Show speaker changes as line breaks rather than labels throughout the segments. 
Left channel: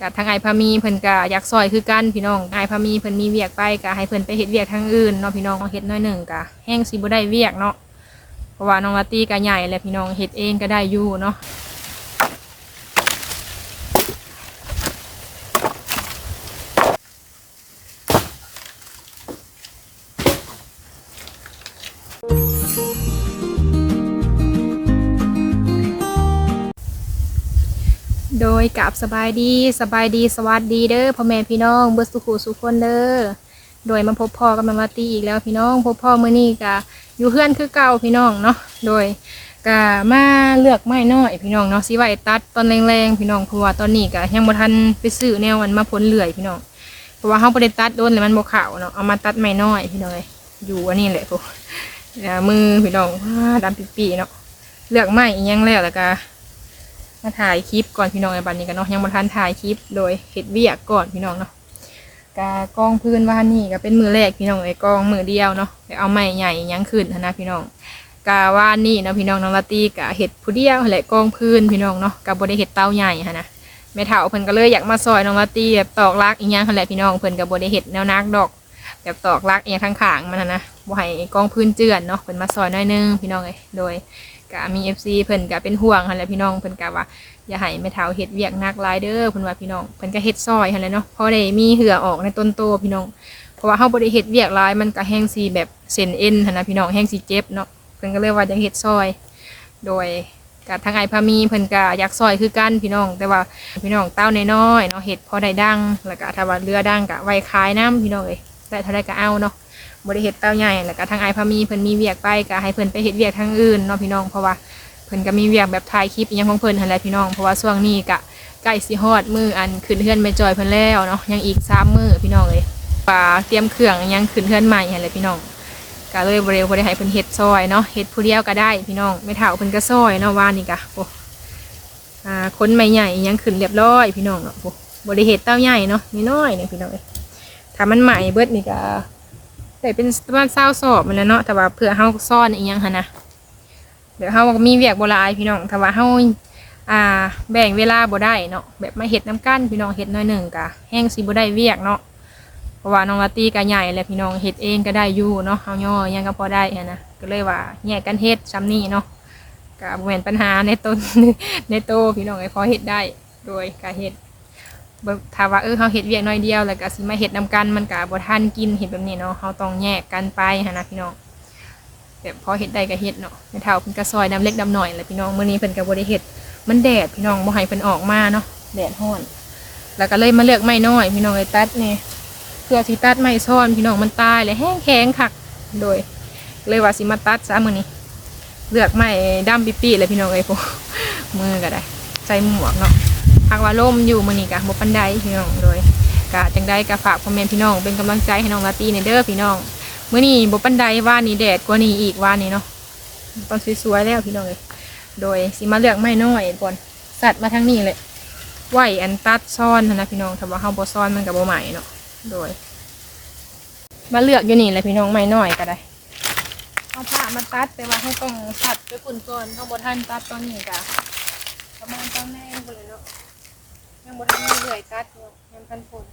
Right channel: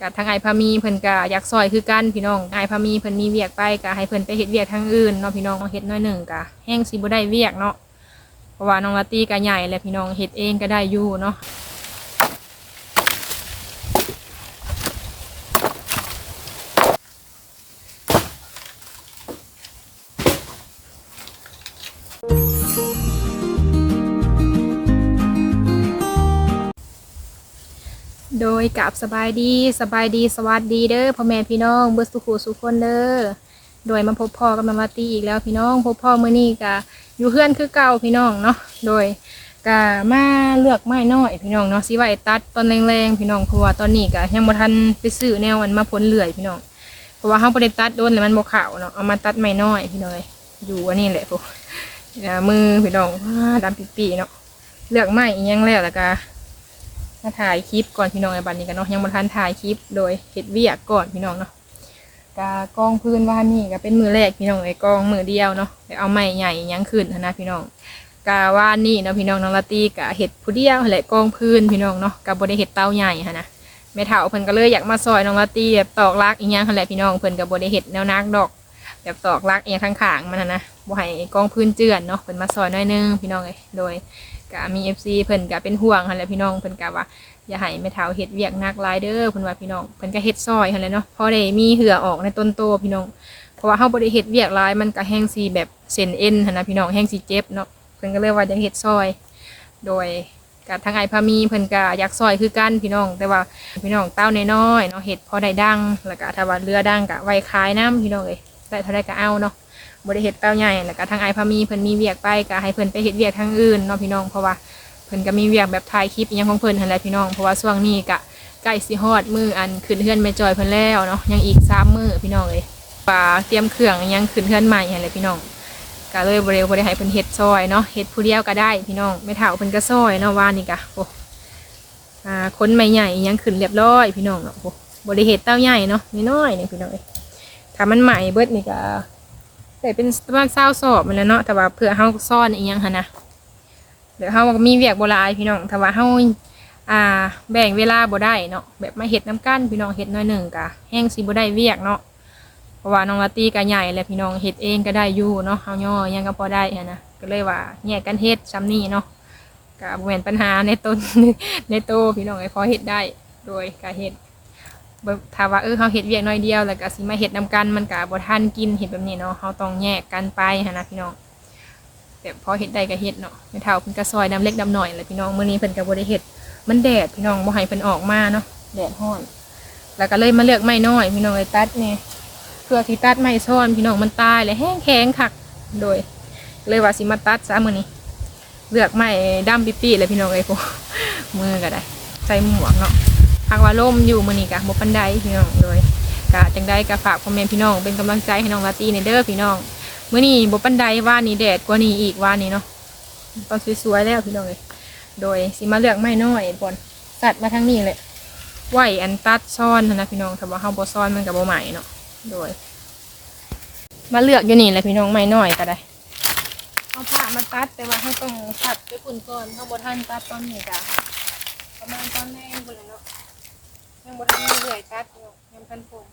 กับทางไอพามีเพิ่นก็อยากซอยคือกันพี่น้องไอพามีเพิ่นมีเวียกไปก็ให้เพิ่นไปเฮ็ดเวียกทางอื่นเนาะพี่น้องเฮ็ดน้อยหนึ่งก็แห้งสิบ่ได้เวียกเนาะเพราะว่าน้องลาตี้ก็ใหญ่แล้วพี่น้องเฮ็ดเองก็ได้อยู่เนาะ ยกับสบายดีสบายดีสวัสดีเด้อพ่อแม่พี่น้องเบิร์สุขุสุขคนเด้อโดยมาพบพ่อกับมามาตีอีกแล้วพี่น้องพบพ่อเมื้อนี้กะอยู่เพื่อนคือเก่าพี่น้องเนาะโดยกะมาเลือกไม้น้อยพี่น้องเนาะสิไว้ตัดตอนแรงๆพี่น้องเพราะว่าตอนนี้กะยังบ่ทันไปซื้อแนวมันมาพ้นเลื่อยพี่น้องเพราะว่าเฮาบ่ได้ตัดโดนแล้วมันบ่ขาวเนาะเอามาตัดไม้น้อยพี่น้องเอ้ยอยู่อันนี้แหละพวกมือพี่น้องดำปีๆเนาะเลือกไม้อีหยังแล้วแล้วก็ มาถ่ายคลิปก่อนพี่น้องในบันนี้กันเนาะยังมาทันถ่ายคลิปโดยเฮ็ดเวียกก่อนพี่น้องเนาะกากองพื้นว่านี่ก็เป็นมือแรกพี่น้องไอ้กองมือเดียวเนาะไปเอาไม้ใหญ่ยังขึ้นนะพี่น้องกาว่านี่เนาะพี่น้องน้องลาตีกะเฮ็ดผู้เดียวแหละกองพื้นพี่น้องเนาะกับ่ได้เฮ็ดเตาใหญ่หั้นะแม่เฒ่าเพิ่นก็เลยอยากมาซอยน้องลาตีแบบตอกลักอีหยังหั่นแหละพี่น้องเพิ่นก็บ่ได้เฮ็ดแนวนักดอก แบบตอกลักอีหยังข้างๆมันหั้นะบ่ให้กองพื้นเจือนเนาะเพิ่นมาซอยน้อยนึงพี่น้องเอ้ยโดย ก็มี FC เพิ่นก็เป็นห่วงหั่นแหละพี่น้องเพิ่นก็ว่าอย่าให้แม่เฒ่าเฮ็ดเวียกหนักหลายเด้อเพิ่นว่าพี่น้องเพิ่นก็เฮ็ดซอยหั่นแหละเนาะพอได้มีเหือออกในต้นโตพี่น้องเพราะว่าเฮาบ่ได้เฮ็ดเวียกหลายมันก็แห้งสิแบบเส้นเอ็นหั่นนะพี่น้องแห้งสิเจ็บเนาะเพิ่นก็เลยว่าอยากเฮ็ดซอย โดยกับทางไอพามีเพิ่นก็อยากซอยคือกันพี่น้อง แต่ว่าพี่น้องเต้าน้อยๆเนาะเฮ็ดพอได้ดังแล้วก็ถ้าว่าเรือดังก็ไว้ขายน้ำพี่น้องเอ้ยได้เท่าใดก็เอาเนาะ บ่ได้เฮ็ดเต้าใหญ่แล้วก็ทางไอพามีเพิ่นมีเวียกไปก็ให้เพิ่นไปเฮ็ดเวียกทางอื่นเนาะพี่น้องเพราะว่าเพิ่นก็มีเวียกแบบถ่ายคลิปอหยังของเพิ่นหั่นแหละพี่น้องเพราะว่าช่วงนี้ก็ใกล้สิฮอดมืออันขึ้นเฮือนไม่จอยเพิ่นแล้วเนาะยังอีกสามมือพี่น้องเอ้ยว่าเตรียมเครื่องยังขึ้นเฮือนใหม่หั่นแหละพี่น้องก็เลยบ่ได้บ่ได้ให้เพิ่นเฮ็ดซอยเนาะเฮ็ดผู้เดียวก็ได้พี่น้องไม่เท่าเพิ่นก็ซอยเนาะว่านี่ก็โอ้อ่าคนใหม่ใหญ่ยังขึ้นเรียบร้อยพี่น้องเนาะโอ้บ่ได้เฮ็ดเต้าใหญ่เนาะน้อยๆเนี่ยพี่น้องเอ้ยถ้ามันใหม่เบิดนี่ก็ ได้เป็นประมาณ20สอบมันแล้วเนาะแต่ว่าเพื่อเฮาซ่อนอีหยังหั่นนะเดี๋ยวเฮาก็มีเวียกโบราณพี่น้องแต่ว่าเฮาอ่า แบ่งเวลาบ่ได้เนาะแบบมาเฮ็ดน้ำกันพี่น้องเฮ็ดน้อยหนึ่งกะแห้งสิบ่ได้เวียกเนาะเพราะว่าน้องลาตีก็ใหญ่แล้วพี่น้องเฮ็ดเองก็ได้อยู่เนาะเฮาย่อยังก็พอได้นะก็เลยว่าแยกกันเฮ็ดซ้ำนี่เนาะก็บ่แม่นปัญหาในต้นในโตพี่น้องไอ้พอเฮ็ดได้โดยการเฮ็ด บ่ถ้าว่าเออเฮาเฮ็ดเวียกน้อยเดียวแล้วก็สิมาเฮ็ดนํกันมันก็บ่ทันกินเฮ็ดแบบนี้เนาะเฮาต้องแยกกันไปหันนะพี่น้องแบบพอเฮ็ดได้ก็เฮ็ดเนาะแม่เฒ่าเพิ่นก็ซอยดำเล็กดำหน่อยแหละพี่น้องมื้อนี้เพิ่นก็บ่ได้เฮ็ดมันแดดพี่น้องบ่ให้เพิ่นออกมาเนาะแดดร้อน แล้วก็เลยมาเลือกไม้น้อย พี่น้องเลยตัดนี่เพื่อสิตัดไม้ซ่อนพี่น้องมันตายเลยแห้งแข็งคักโดย เลยว่าสิมาตัดซะมื้อนี้เลือกไม้ดำปีๆเลยพี่น้องเอ้ยพวกมือก็ได้ใส่หมวกเนาะ พักว่าล่มอยู่มื้อนี้ก็บ่ปานใดพี่น้องโดยก็จังไดก็ฝากพ่อแม่พี่น้องเป็นกำลังใจให้น้องลาตีในเด้อพี่น้องมื่อนี้บปันไดว่านี่แดดกว่านี้อีกว่านี้เนาะตอนสวยๆแล้วพี่น้องเลยโดยสิมาเลือกไม่น้อยบนสัตว์มาทั้งนี้เลยไหวอันตัดซ่อนนะพี่น้องถ้าว่าเฮาบ่ซ่อนมันกับบ่ใหม่เนาะโดย มาเลือกอยู่นี่แหละพี่น้องไม่น้อยก็ได้เอาผ้ามาตัดแต่ว่าเขาต้องตัดไปฝุ่นก่อนเขาบ่ทันตัดตอนนี้กะประมาณตอนแรกคนแหละเนาะ ยังบ่ทันเลื่อยตัดเนาะยังพันฝุ่น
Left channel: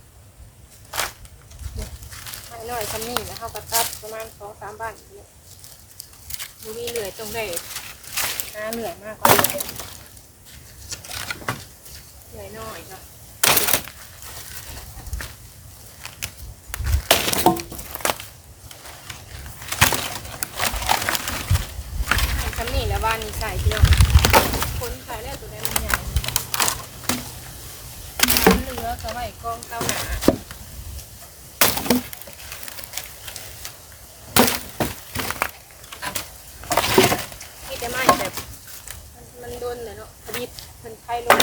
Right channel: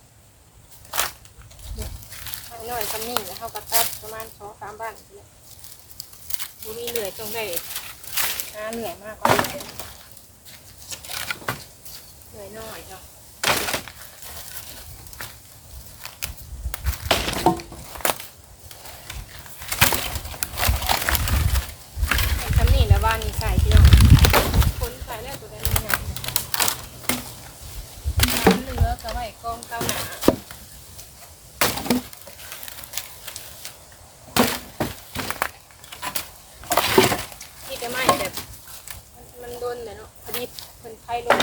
ไม่น้อยคำนี้แล้วเขาก็ตัดประมาณสองสามบ้านเนี่ยบุรีเหลือยตรงได้หาเหลือยมากกว่าเหลือยน้อยค่ะคำนี้แล้วบ้านนี้ใส่พี่น้องคนใส่แล้วตัวได้มันใหญ่ แล้วก็ไว้กองเต้าหนาที่จะไม่แบบมันมันโดนเลยเนาะพอดีมันไข่ลง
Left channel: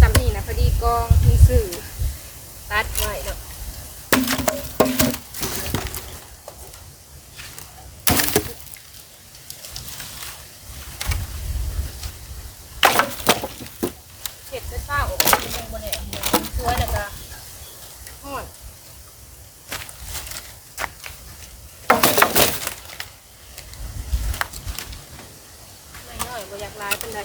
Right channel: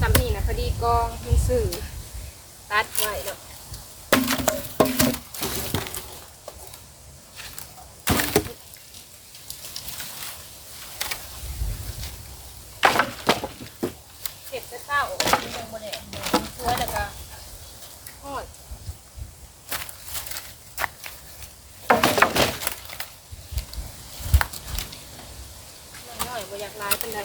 สำนี่นะพอดีกองมีสื่อตัดไว้เนาะเห็ดจะเศร้ามันยังบ่ได้เนาะมันสวยแล้วก็ เป็นไร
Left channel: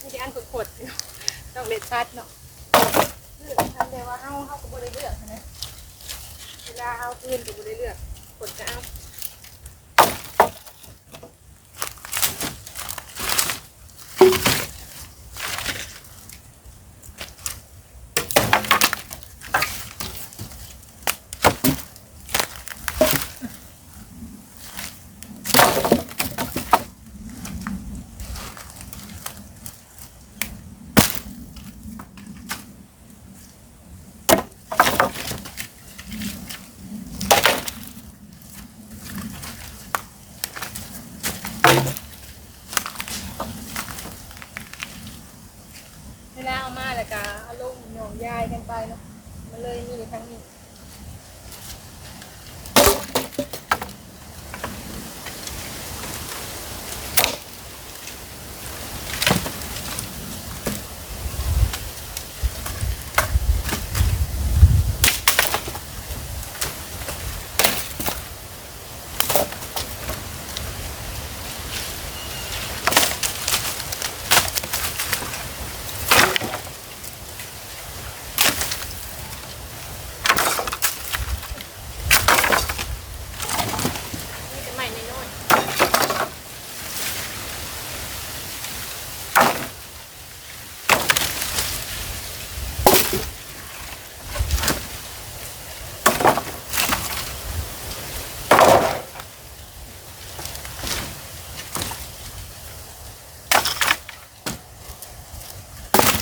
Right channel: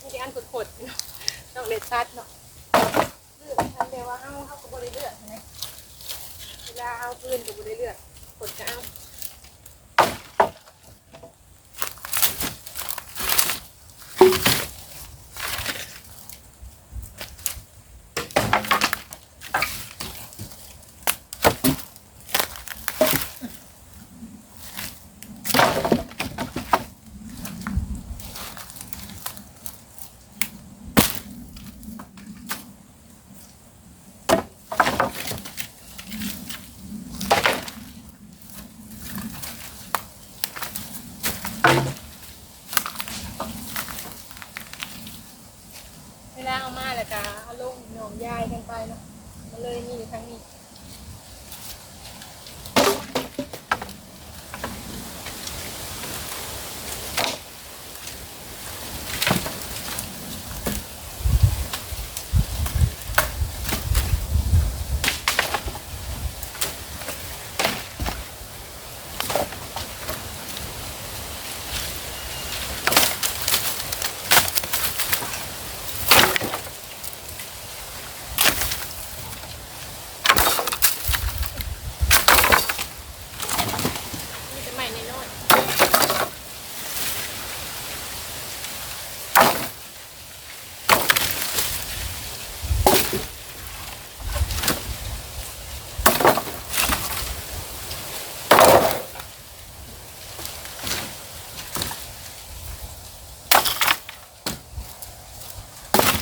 นี่ที่อันขดๆเนาะ ต้องเล็ดชัดเนาะเลือกทันเดียวว่าเฮาเฮาก็บ่ได้เลือกใช่ไหมเวลาเอาพื้นก็บ่ได้เลือกเอา เวลาเอามาแล้วก็เอาลงหนองยายกันไปเนาะมันเลยนี่ทั้งนี้จะใหม่นิดหน่อย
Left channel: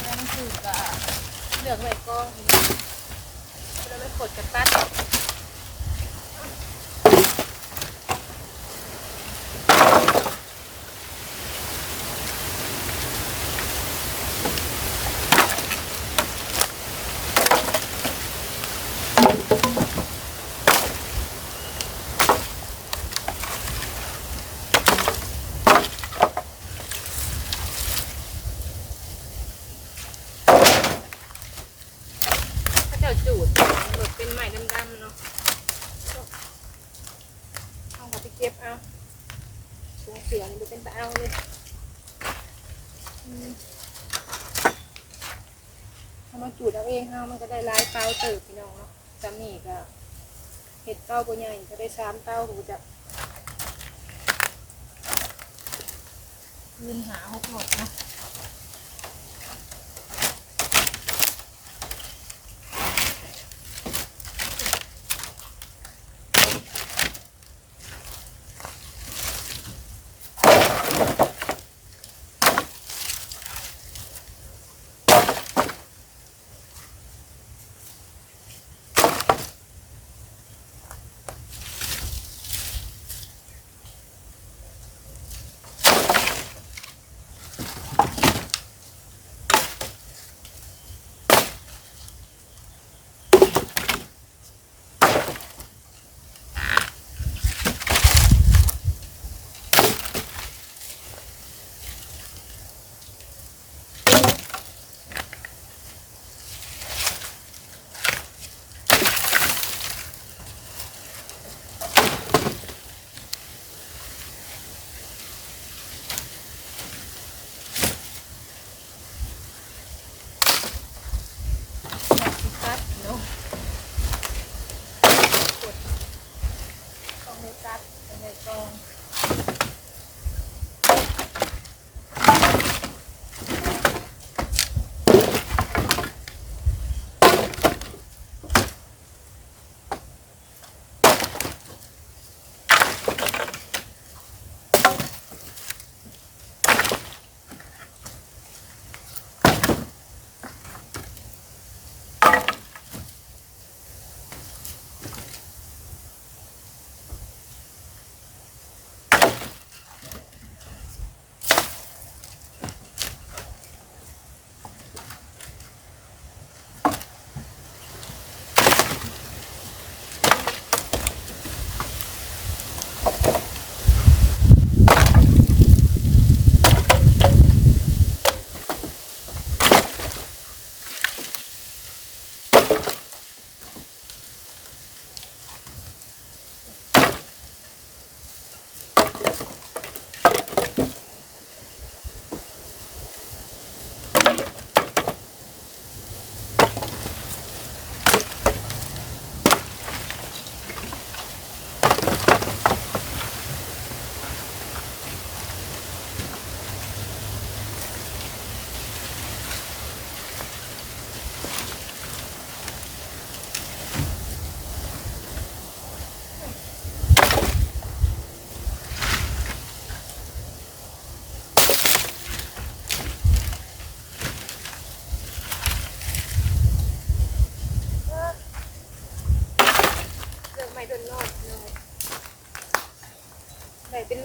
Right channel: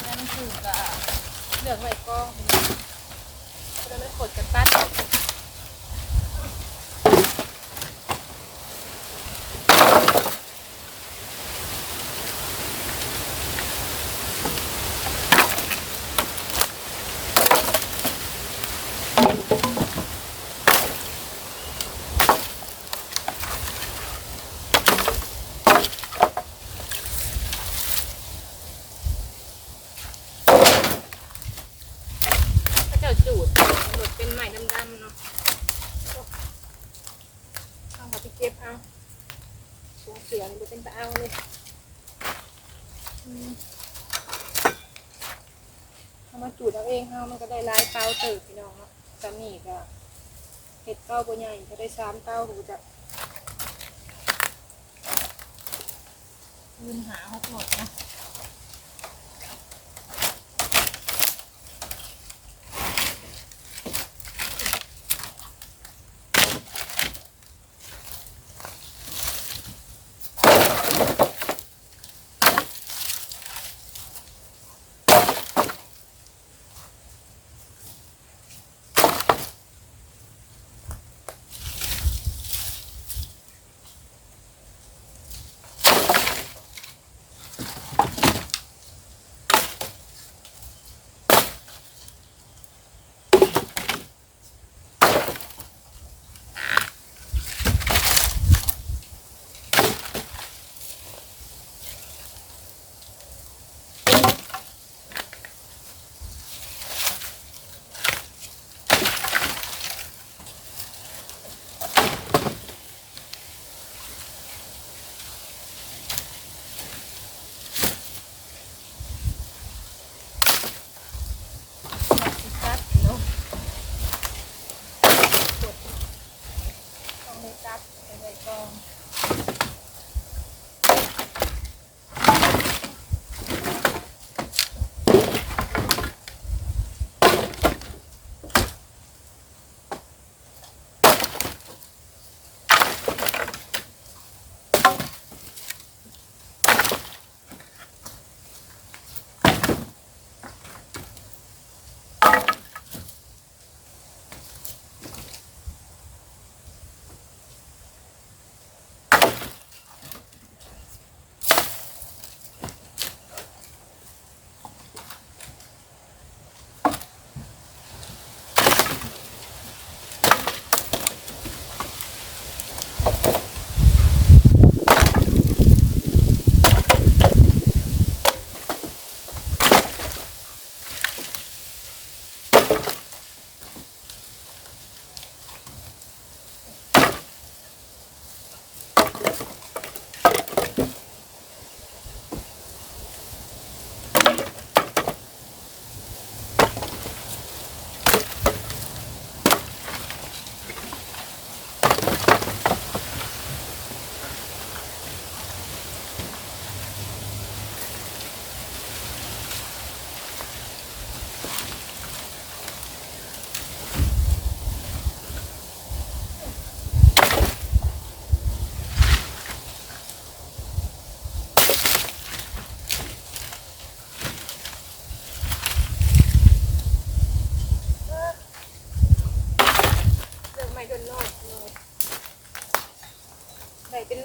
แล้วมันคือก็เลือกไว้กล้องแล้วมันขดกับตัด ถ้าเจ้าจูดมันหลุดเป็นใหม่ดำๆเนาะเอาเขาไปเก็บเอาถุงเสือนี่มันเป็นตะเอาเลยอืมเอามาจูดเอาเองเฮามันก็ได้หลายเต้าเติบพี่น้องเนาะจำนี่ก็เห็ดเต้าบัใหญ่จะได้สามเต้าหูจะคืนหาหกหมดนะ ตัดเนาะกด ต้องได้ตัดไปในกอง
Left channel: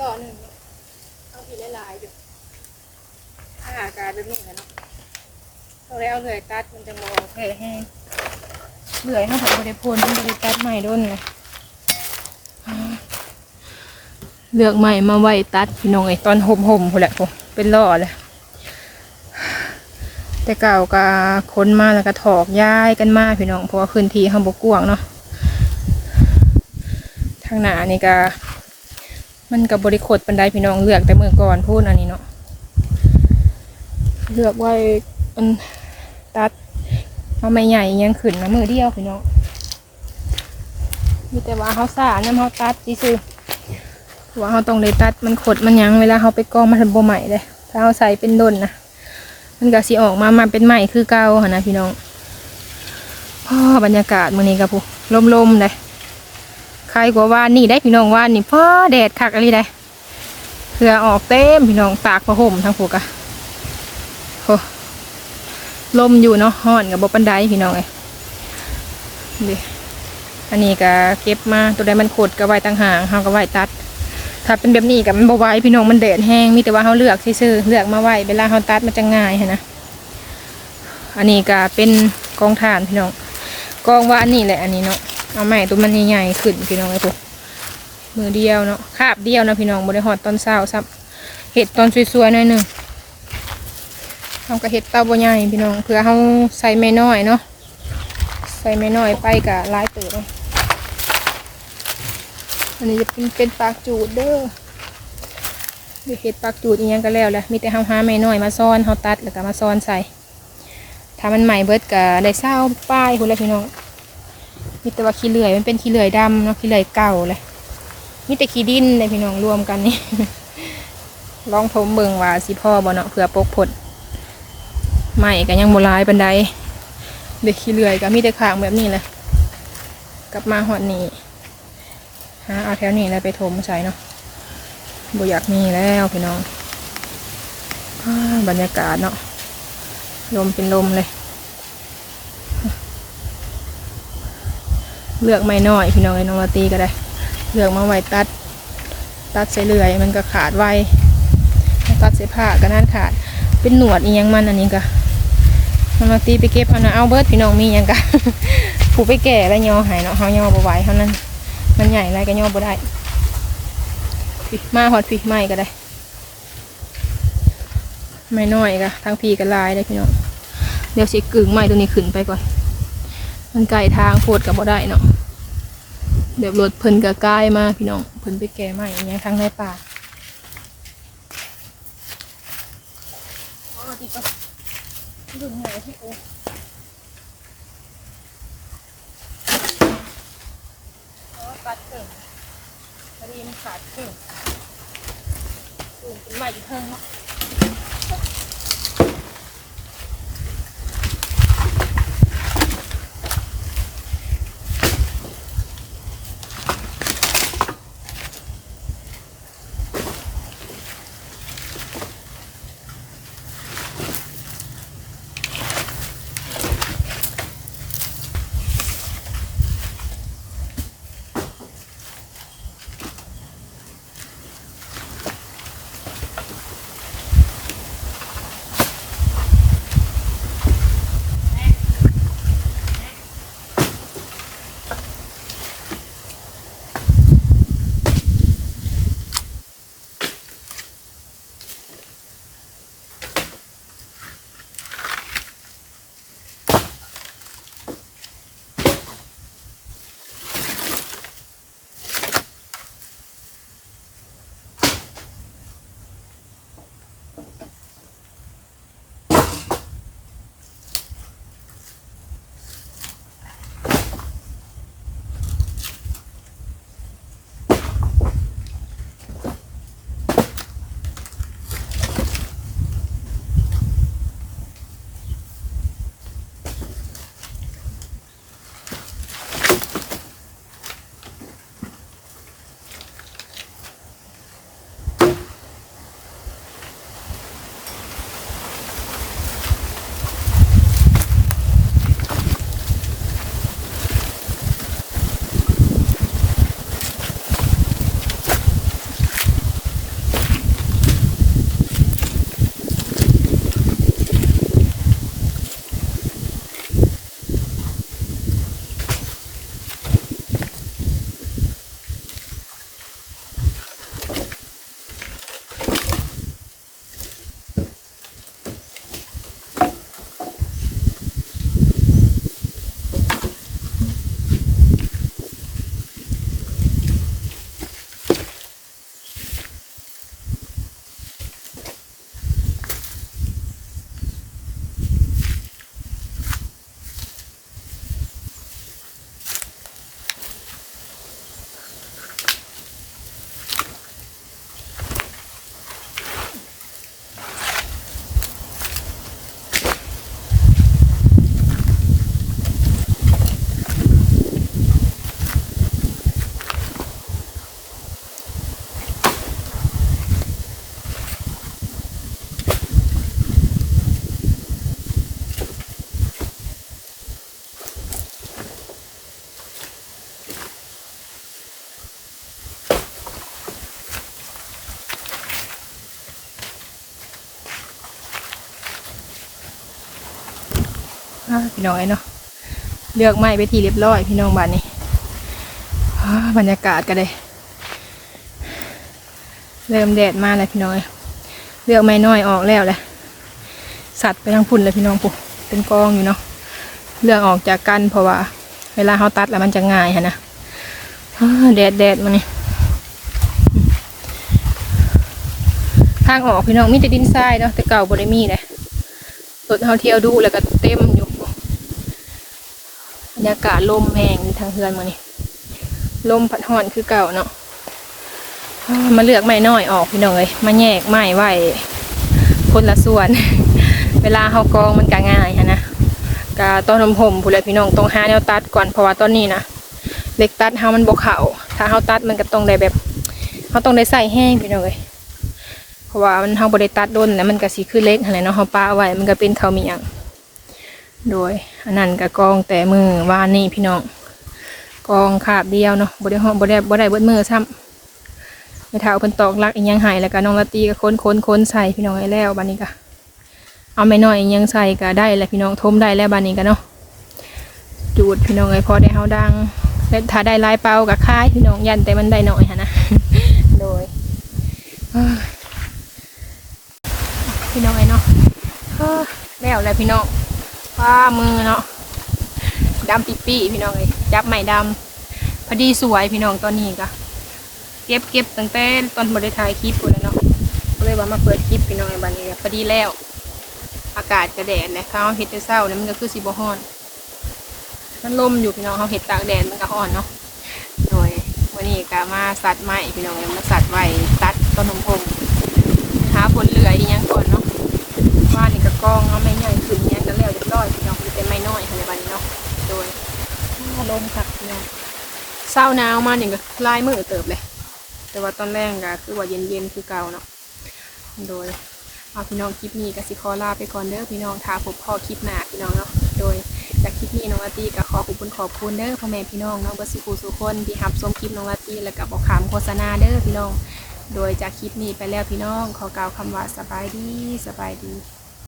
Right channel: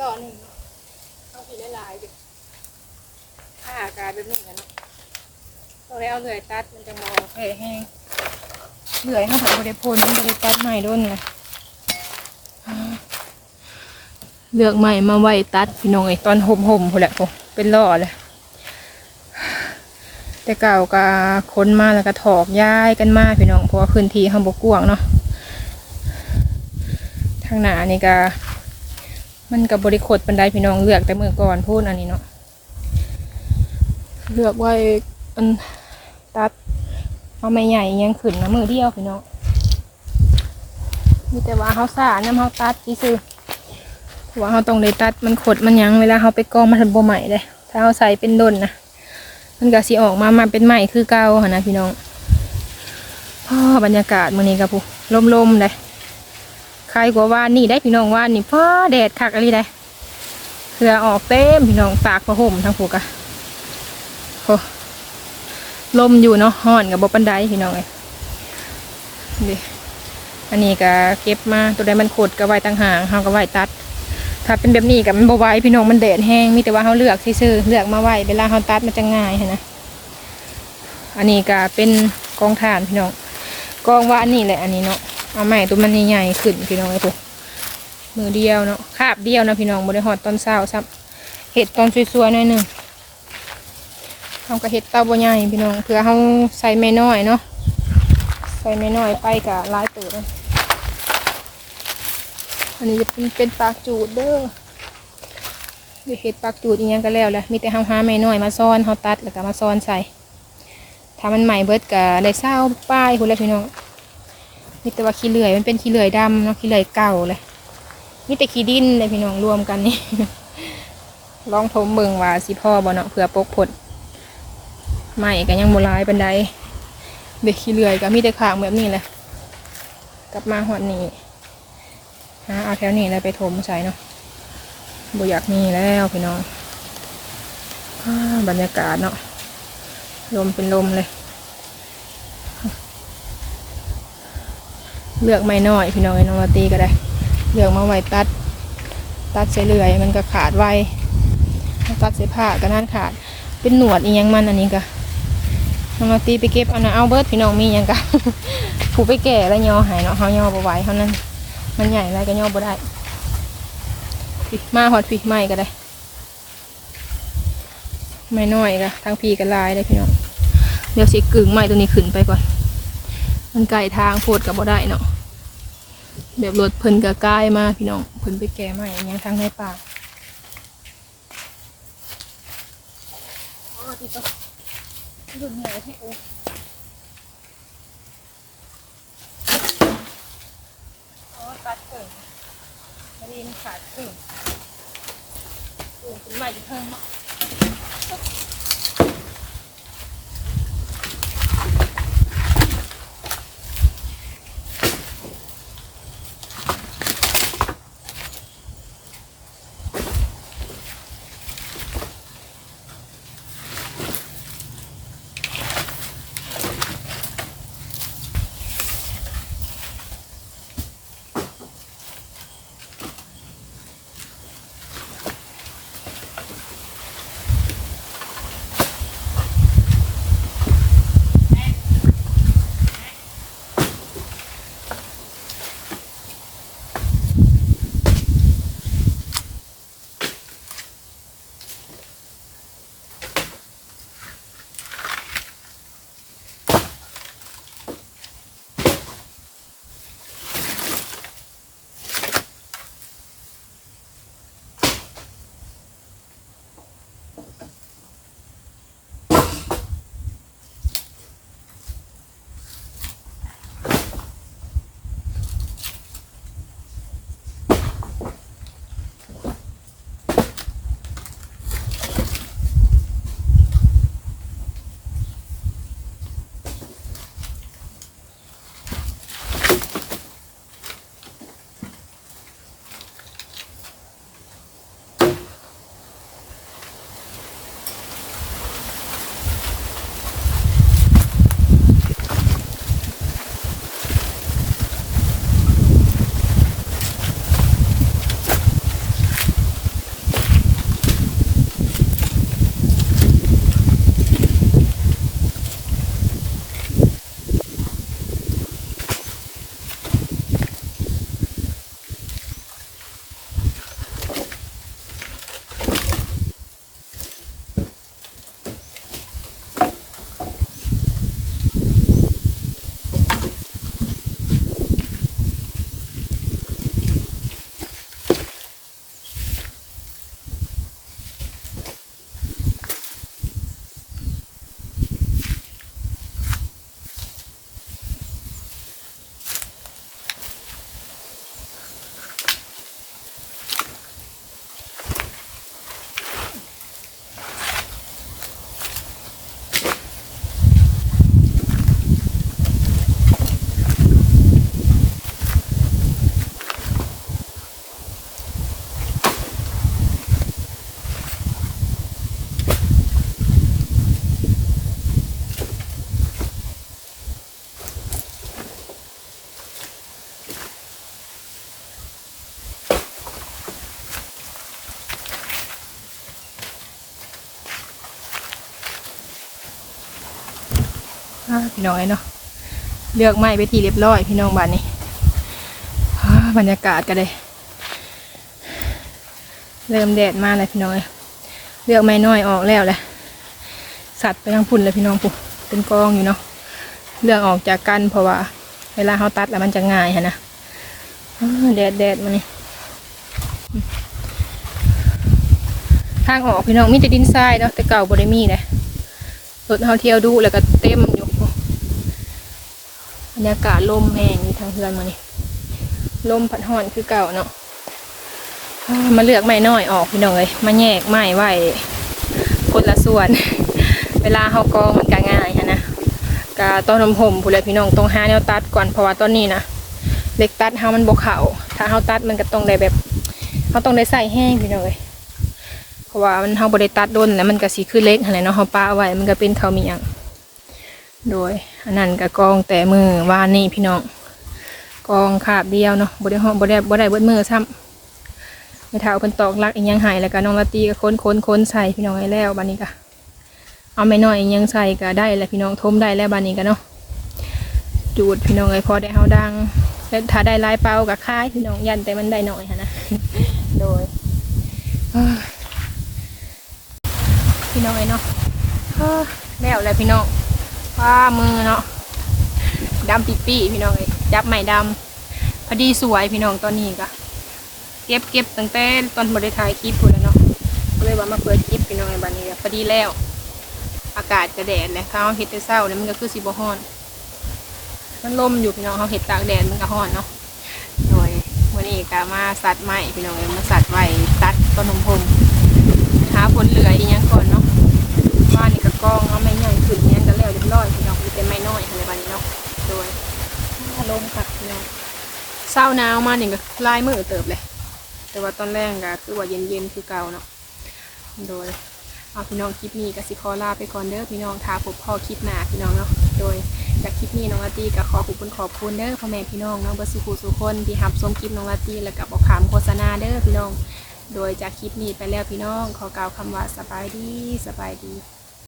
รอหนึ่งเนาอาผิดหลายๆอยู่ถ้าหากายเป็นเหมือนกันเนาะเราได้เอาเหลื่อยตัดมันจะมองแผลแห้งเหลื่อยให้ผมไปได้พ่นให้ไปได้ตัดใหม่ด้วยไงเลือกใหม่มาไว้ตัดพี่น้องไอ้ตอนห่มห่มพอแหละผมเป็นล่อเลยแต่เก่าก็ค้นมาแล้วก็ถอกย้ายกันมาพี่น้องเพราะว่าพื้นที่ข้างบกกว้างเนาะทางหน้านี่ก็ มันกับบริโภคปันไดพี่น้องเลือกแต่เมื่อก่อนพูดอันนี้เนาะเลือกไว้อันตัดเอาไม่ใหญ่ยังขึ้นมามือเดียวพี่น้องมีแต่ว่าเขาสาน้ำเขาตัดที่ซื้อๆเพราะว่าเขาต้องเลยตัดมันขดมันยังเวลาเขาไปกองมันโบใหม่เลยถ้าเขาใส่เป็นดนนะมันก็สิออกมามาเป็นใหม่คือเก่าหนนะพี่น้องพ่อบรรยากาศมื้อนี้กับผู้ลมๆเลย ใครกว่าว่านนี่ได้พี่น้องว่านนี่พ่อแดดคักอะไรได้เพื่อออกเต็มพี่น้องตากผ้าห่มทั้งผูกอะโอ้ลมอยู่เนาะห้อนกับบปันไดพี่น้องเลยดิอันนี้ก็เก็บมาตัวใดมันขดก็ไว้ตั้งห่างเฮาก็ไว้ตัด ถ้าเป็นแบบนี้กับมันบไหวพี่น้องมันแดดแห้งมีแต่ว่าเขาเลือกซื่อเลือกมาไว้เวลาเขาตัดมันจะง่ายหั้นนะอันนี้ก็เป็นกองถ่านพี่น้องกองว่าอันนี้แหละอันนี้เนาะ เอาใหม่ตัวมันใหญ่ๆขึ้นพี่น้องไอ้พวกมือเดียวเนาะคาบเดียวนะพี่น้องบริหอดตอนเช้าซับเห็ดตอนสวยๆหน่อยหนึ่งเขาก็เห็ดเต้าบ่ใหญ่พี่น้องเพื่อเขาใส่ไม่น้อยเนาะใส่ไม่น้อยไปกับลายเติบอันนี้จะเป็นเป็นปากจูดเด้อเดี๋ยวเห็ดปากจูดอีกอย่างก็แล้วแหละมีแต่เฮาหาไม่น้อยมาซ้อนเฮาตัดแล้วก็มาซ้อนใส่ถ้ามันใหม่เบิดก็ได้เศร้าป้ายคุณเลยพี่น้อง มีแต่ว่าขี้เหลื่อยมันเป็นขี้เหลื่อยดำเนาะขี้เหลื่อยเก่าเลยมีแต่ขี้ดินเลยพี่น้องรวมกันนี่ลองทมเบิงว่าสิพ่อบ่เนาะเผื่อปกผลใหม่ก็ยังโบราณปันไดเด็กขี้เหลื่อยก็มีแต่ขางแบบนี้แหละกลับมาหอดนี้หาเอาแถวนี้แล้วไปถมใส่เนาะบ่อยากมีแล้วพี่น้องอบรรยากาศเนาะลมเป็นลมเลย เลือกไม่น้อยพี่น้องไอ้น้องลาตีก็ได้ เลือกมาไว้ตัด ตัดใส่เลื่อย มันก็ขาดไวตัดใส่ผ้าก็นั่นขาด เป็นหนวดอียังมันอันนี้ก็น้องลาตีไปเก็บเอานะเอาเบิร์ดพี่น้องมียังกะผูไปแก่แล้วยอหายเนาะเขายอบ่ไหวเท่านั้น มันใหญ่ไรก็ย่อบ่ได้มาหอดฟิไม่ก็ได้ ไม่น้อยก็ทั้งพีกันลายได้พี่น้องเดี๋ยวสิกึ่งไม้ตัวนี้ขึ้นไปก่อน มันไกลทางโพดกับบ่ได้เนาะแบบรถเพิ่นกับกายมาพี่น้องเพิ่นไปแก่ไม้อย่างเงี้ยทางในป่าอ๋อดีปะรุ่นใหญ่ที่โอ้เพราะว่าตัดเกิ่งพอดีมันขาดเกิ่งสูงเป็นใหม่อีกเพิ่งเนาะ พี่น้องไอ้เนาะเลือกไม้ไปทีเรียบร้อย พี่น้องบ้านนี้บรรยากาศก็เลยเริ่มแดดมาแล้วพี่น้องเอ้ยเลือกไม้น้อยออกแล้วแหละสัตว์ไปทางพุ่นเลยพี่น้องปุ๊เป็นกองอยู่เนาะเลือกออกจากกันเพราะว่า เวลาเขาตัดแล้วมันจะง่ายฮะนะแดดแดดมานี่ทางออกพี่น้องมีแต่ดินทรายเนาะแต่เก่าบริมีเลยรถเฮาเที่ยวดูแล้วก็เต็มอยู่ บรรยากาศลมแห้งอยู่ทางเฮือนมานี่ลมพัดห่อนคือเก่าเนาะมาเลือกไม้น้อยออกพี่น้องเลยมาแยกไม้ไว้คนละส่วน เวลาเฮากองมันก็ง่ายฮะนะกะต้นนมผมผู้ใดพี่น้องต้องหาแนวตัดก่อนเพราะว่าตอนนี้นะเล็กตัดเฮามันบกเขาถ้าเฮาตัดมันก็ต้องได้แบบเฮาต้องได้ใส่แห้งพี่น้องเลยเพราะว่ามันเฮาบ่ได้ตัดด้นแล้วมันก็สิคือเล็กหั่นแหละเนาะเฮาป้าไว้มันก็เป็นเขามียง โดยอันนั้นก็กองแต่มือวานนี่พี่น้อง กองขาบเดียวเนาะบ่ได้ฮ้อบ่ได้บ่ได้เบิดมือซ้ำไม่เท่าเพิ่นตอกลักอีกยังหายแล้วก็น้องละตีก็ค้นค้นค้นใส่พี่น้องให้แล้วบัดนี้ก็เอาไม่น้อยอีกยังใส่ก็ได้แล้วพี่น้องทมได้แล้วบัดนี้ก็เนาะจูดพี่น้องเอ้พอได้เฮาดังแล้วถ้าได้ลายเป่าก็ค่ายพี่น้องยันแต่มันได้น้อยหั่นะโดยพี่น้องไอ้เนาะเฮ้อแล้วแหละพี่น้อง ว่ามือเนาะดำปีปีพี่น้องไอ้จับใหม่ดำพอดีสวยพี่น้องตอนนี้ก็เก็บเก็บตั้งแต่ตอนบริถ่ายคลิปพูดแล้วเนาะก็เลยว่ามาเปิดคลิปพี่น้องบันนี้พอดีแล้ว อากาศจะแดดเลยเขาเห็ดแต่เศร้าเนี่ยมันก็คือสีบฮ้อนมันลมอยู่พี่น้องเขาเห็ดตากแดดมันก็ฮ้อนเนาะโดยวันนี้ก็มาสัตว์ใหม่พี่น้องเอ้ยมาสัตว์ไว้ตัดต้นนมพมหาผลเหลืออีกอย่างก่อนเนาะ ว่านี่ก็กองเอาไม่ใหญ่ขึ้นเนี้ยก็แล้วเรียบร้อยพี่น้องมีแต่ไม่น้อยอะไรบ้านี้เนาะโดยลมคักพี่น้องเศร้าหนาวมาเนี่ยก็ลายมือเติบเลย แต่ว่าตอนแรกก็คือว่าเย็นๆคือเก่าเนาะโดยเอาพี่น้องคลิปนี้ก็สิขอลาไปก่อนเด้อพี่น้องทาพบพ่อคลิปหนาพี่น้องเนาะโดยจากคลิปนี้น้องลาตีก็ขอขอบคุณขอบคุณเด้อพ่อแม่พี่น้องเนาะเบอร์สุขุสุคนที่หับชมคลิปน้องลาตีแล้วก็บอกขามโฆษณาเด้อพี่น้อง โดยจากคลิปนี้ไปแล้วพี่น้อง ขอกล่าวคำว่าสบายดีสบายดี